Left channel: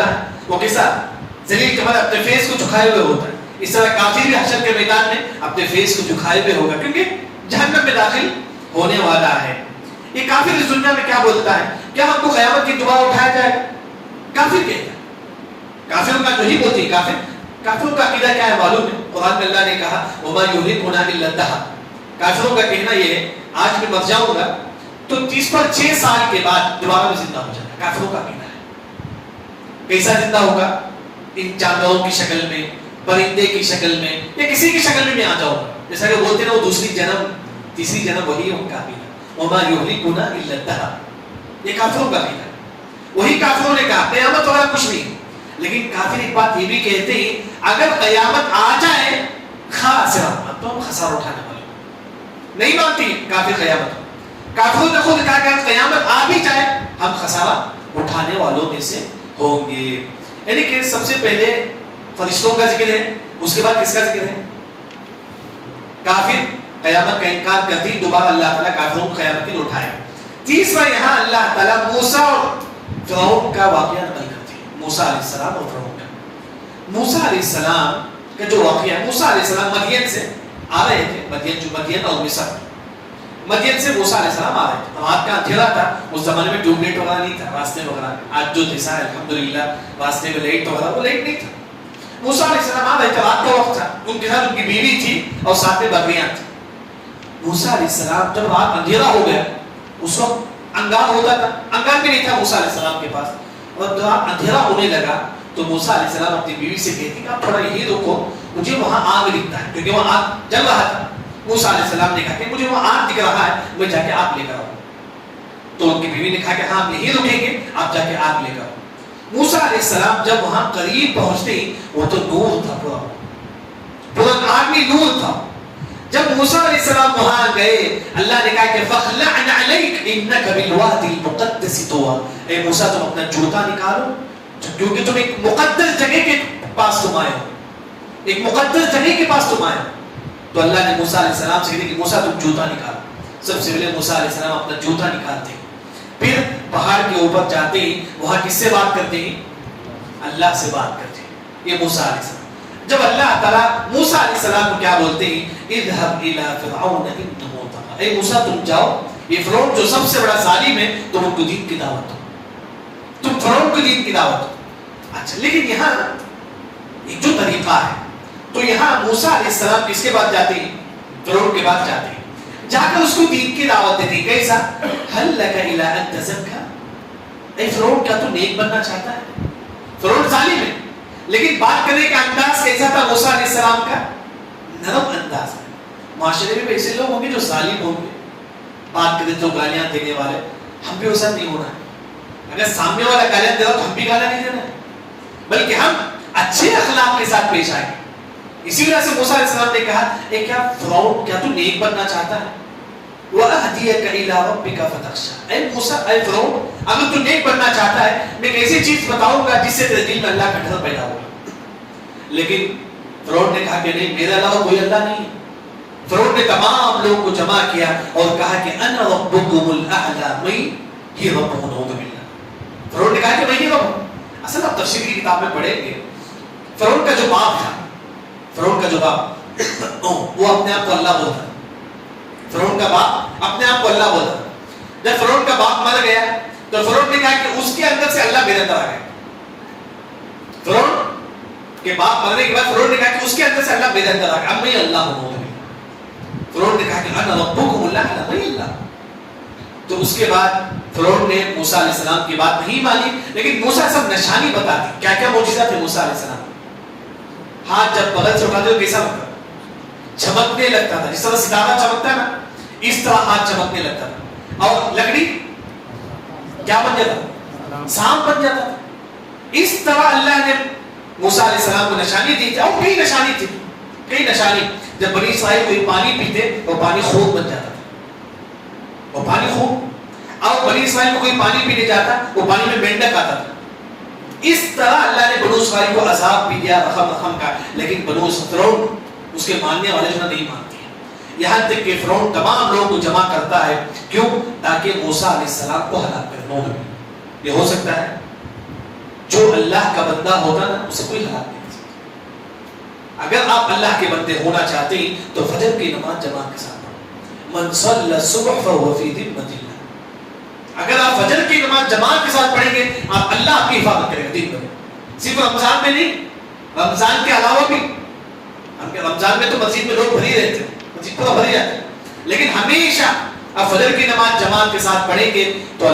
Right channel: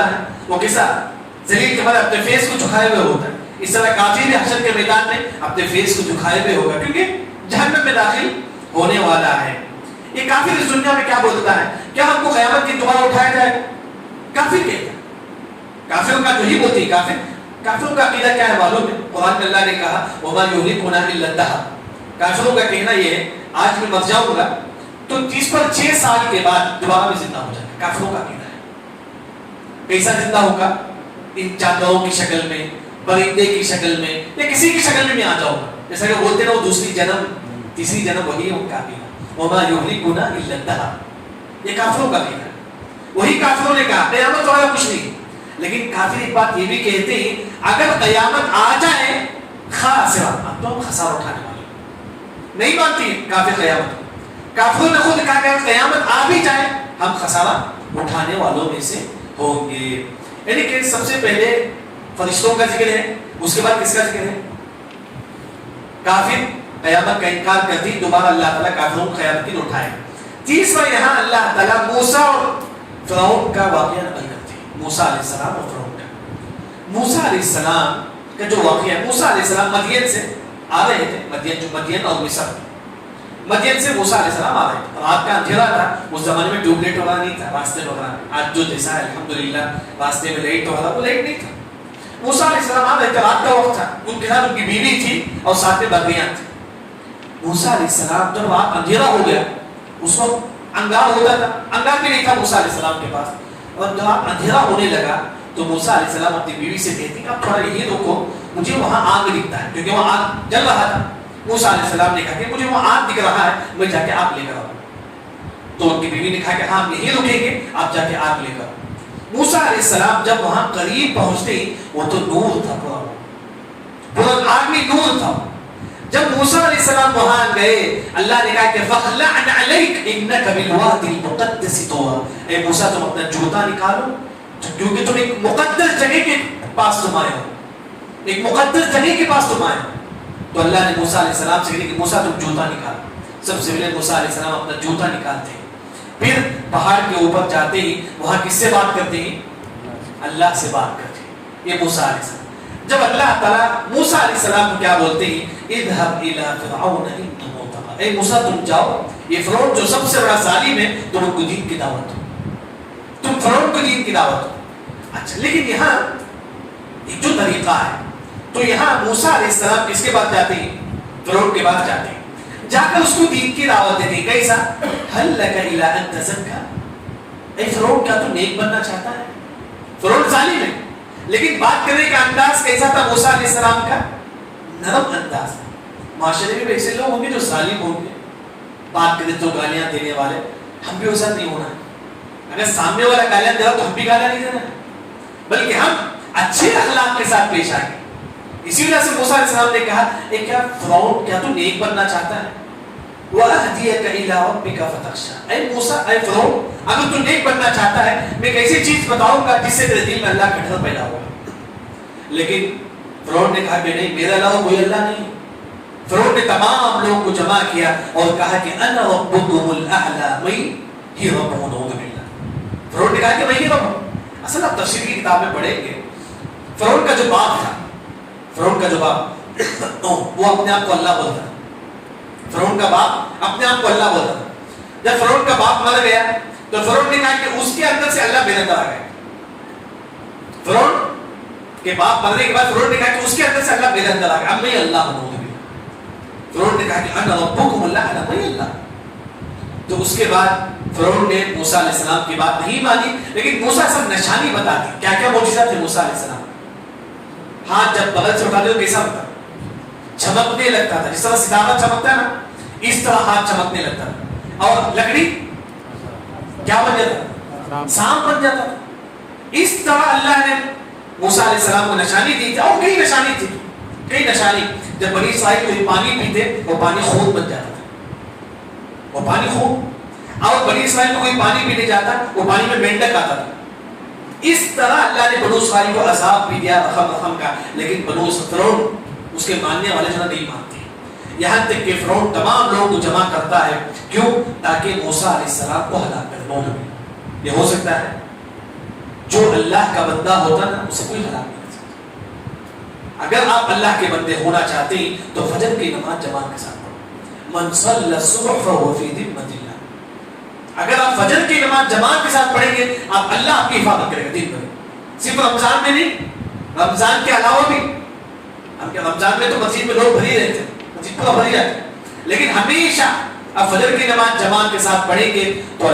ہوتا ہے وہ کیسا ذلیل کمر اپنے فیس کو جھکائے ہوئے ہوتا ہے. اس طرح کافر بھی حشر کے میدان میں اپنے فیس کو جھکائے ہوئے ہوگا کیونکہ جہنم میں داخل ہونے والا ہے. یہ کافر اس دنیا میں کیا بولتا ہے؟ کیا ہم کو قیامت کی دوبارہ اٹھایا جائے؟ کافر کہتا ہے. کافروں کا جو ہی بولتی ہے کافروں کا عقیدہ کیا ہے معلوم ہے؟ قرآن میں اللہ نے کہا وما یہلکنا الا الدہر. کافروں کا کہنا یہ ہے آج میں مر جاؤں گا تو 30 پر 6 سال کے بعد دوبارہ میں زندہ ہو جائے گا. کافروں کا عقیدہ ہے. کیسا زندہ ہوگا؟ ان جانوروں کی شکل میں، پرندے کی شکل میں یا کسی کی شکل میں آ جاؤ گا. جیسا کہ بولتے ہیں وہ دوسری جنم تیسری جنم وہی ہے ان کا عقیدہ. وما یہلکنا الا الدہر. یہ کافروں کا عقیدہ ہے. وہی کافروں نے کہا قیامت والا کچھ نہیں. لیکن کافر ایک بات یہ بھی کہتے ہیں اگر قیامت آ جائے خاسرہ اب تو ہم خسارہ اٹھانے والے نہیں مانتی کافر قیامت. کافروں نے خود کہا کہ قیامت آ بھی جائے ہم خسارہ اٹھانے والوں میں سے ہوں گے. یعنی کہ سب سے پہلے فرشتوں کا ذکر ہے، اس کے بعد کس کا ذکر ہے؟ کافر قیامت کا انکار کرتی دوبارہ اللہ تعالیٰ کافروں کو قیامت کے لیے اٹھائے. تیسرا یہاں اللہ تعالیٰ موسیٰ اور فرعون کا واقعہ نقل کرتی ہے. موسیٰ علیہ السلام اور فرعون کا. موسیٰ علیہ السلام کا جو واقعہ ہے، موسیٰ علیہ السلام مدین سے آ رہے تھے. مدین اور مصر. مدین سے موسیٰ علیہ السلام آ رہے تھے. رات کا اندھیرا تھا. اس زمانے میں ٹیوب لائٹ وغیرہ نہیں تھا راستے وغیرہ. آج جو جیسا ہے الحمدللہ راستے میں لائٹ وغیرہ وہ لائٹ نہیں تھا. موسیٰ علیہ السلام آ رہے تھے. رات کا وقت تھا. ان کے ساتھ ان کی بیوی تھی اور ساتھ میں بکریاں تھیں. موسیٰ علیہ السلام جب رات اندھیرا ہو گیا اس وقت انگار ہوتا تھا. انگار بھی نہیں تھا موسیٰ علیہ السلام کے پاس. اور جب اندھیرا ہونے لگا تو موسیٰ علیہ السلام اپنی بیوی سے کہتی کہ آپ تھوڑا یہی رکو مجھے وہاں آگ دکھتا ہے کیونکہ وہاں آگ جل رہا تھا. موسیٰ علیہ السلام نے کہا کہ مجھے وہاں آگ دکھ رہا ہے میں جا کے آگ لے کر آؤں. تو ان کی بیوی نے کہا کہ ہاں یہی رکیں گے آپ جا کے آگ لے کر آؤ. موسیٰ علیہ السلام جب وہاں قریب پہنچتے وہ تو نور تھا پورا آگ میں نور تھا. جب موسیٰ علیہ السلام وہاں گئے اللہ نے کہا کہ فَخْلَعْنَ عَلَيْكَ إِنَّكَ بِالْوَادِ الْمُقَدَّسِ طُوًى. اے موسیٰ تم اپنا جوتا نکالو کیونکہ تم ایک مقدس جگہ کے پاس تم آئے ہو. ایک مقدس جگہ کے پاس تم آئے ہو. تو اللہ نے موسیٰ علیہ السلام سے کہا کہ موسیٰ تم جوتا نکالو. سب سے پہلے موسیٰ علیہ السلام اپنا جوتا نکالتے ہیں. پھر پہاڑ کے اوپر جاتے ہی وہاں کس سے بات کرتے ہیں؟ اللہ سے بات کرتے ہیں. یہ موسیٰ علیہ السلام. جب اللہ تعالیٰ موسیٰ علیہ السلام کو کیا بولتے ہیں؟ اذهب الى فرعون انه طغى. اے موسیٰ تم جاؤ یہ فرعون جو سب سے بڑا ظالم ہے تم ان کو دین کی دعوت دو. تم فرعون کو دین کی دعوت دو. اچھا لیکن یہاں ایک جو طریقہ ہے تو یہاں موسیٰ علیہ السلام کس کے بعد جاتے ہیں؟ فرعون کے بعد جاتے ہیں. جا کر اس کو دین کی دعوت دیتے ہیں. کیسا؟ هل لك الى ان تزكى. اے فرعون کیا تو نیک بننا چاہتا ہے؟ فرعون ظالم ہے لیکن بات کرنے کا انداز کیسا تھا موسیٰ علیہ السلام کا؟ نرم انداز. معاشرے میں ایسے لوگ ہوں گے جو ظالم ہوں گے بات کرنے جو گالیاں دینے والے. ہم بھی ویسا نہیں ہونا. اگر سامنے والا گالیاں دے رہا تو ہم بھی گالیاں نہیں دینا بلکہ ہم اچھے اخلاق کے ساتھ پیش آئیں. اسی وجہ سے موسیٰ علیہ السلام نے کہا اے کیا فرعون کیا تو نیک بننا چاہتا ہے؟ وَأَهْدِيَكَ إِلَىٰ رَبِّكَ فَتَخْشَىٰ. اے موسیٰ اے فرعون اگر تو نیک بننا چاہتا ہے میں ایک ایسی چیز بتاؤں گا جس سے تیرے دل میں اللہ کا ڈر پیدا ہوگا. لیکن فرعون نے کہا کہ نہیں میرے علاوہ کوئی اللہ نہیں. فرعون نے تمام لوگوں کو جمع کیا اور کہا کہ انا ربکم الاعلی. میں ہی رب ہوں. نعوذ باللہ. فرعون نے کہا کہ میں ہی رب ہوں. اصل آپ تفسیر کی کتاب میں پڑھیں گے فرعون کا جو باپ تھا فرعون کا جو باپ وہ اپنے آپ کو اللہ بولتا. فرعون کا باپ اپنے آپ کو اللہ بولتا. جب فرعون کا باپ مر گیا تو فرعون نے کہا کہ اس کے اندر سے اللہ بے نظر آ گیا. فرعون کے باپ مرنے کے بعد فرعون نے کہا کہ اس کے اندر سے اللہ بے نظر آ گیا. اب میں اللہ ہوں. فرعون نے کہا کہ انا ربکم الاعلی. میں اللہ. تو اس کے بعد فرعون نے موسیٰ علیہ السلام کی بات نہیں مانی لیکن موسیٰ سب نشانی بتا دی. کیا کیا معجزہ تھے موسیٰ علیہ السلام؟ ہاتھ جب بغل سے اٹھاتے تو کیسا ہوتا؟ چمکنے لگتا تھا. جس طرح ستارہ چمکتا ہے نا اس طرح ہاتھ چمکنے لگتا تھا. اور لکڑی کیا بن جاتا؟ سانپ بن جاتا تھا. اس طرح اللہ نے موسیٰ علیہ السلام کو نشانی دی تھی. اور کئی نشانی تھی کئی نشانی. جب بنی اسرائیل کوئی پانی پیتے وہ پانی خون بن جاتا تھا. وہ پانی خون. اور بنی اسرائیل کو کوئی پانی پینے جاتا وہ پانی میں مینڈک آتا تھا. اس طرح اللہ نے بنو اسرائیل کو عذاب بھی دیا رقم کا. لیکن بنو فرعون اس کے ماننے والے جو نہیں مانتے. یہاں تک کہ فرعون تمام لوگوں کو جمع کرتا ہے. کیوں؟ تاکہ موسیٰ علیہ السلام کو ہلاک کرے. یہ ہو سکتا ہے جو اللہ کا بندہ ہوتا نا اسے کوئی ہلاک نہیں کر سکتا. اگر آپ اللہ کے بندے ہونا چاہتے ہیں تو فجر کی نماز جماعت کے ساتھ پڑھو. من صلی الصبح فهو فی ذمۃ اللہ. اگر آپ فجر کی نماز جماعت کے ساتھ پڑھیں گے آپ اللہ آپ کی حفاظت کریں گے دن میں. صرف رمضان میں نہیں, رمضان کے علاوہ بھی. رمضان میں تو مسجد میں لوگ بھری رہتے ہیں, مسجد پورا بھری جاتا ہے, لیکن ہمیشہ آپ فجر کی نماز جماعت کے ساتھ پڑھیں گے تو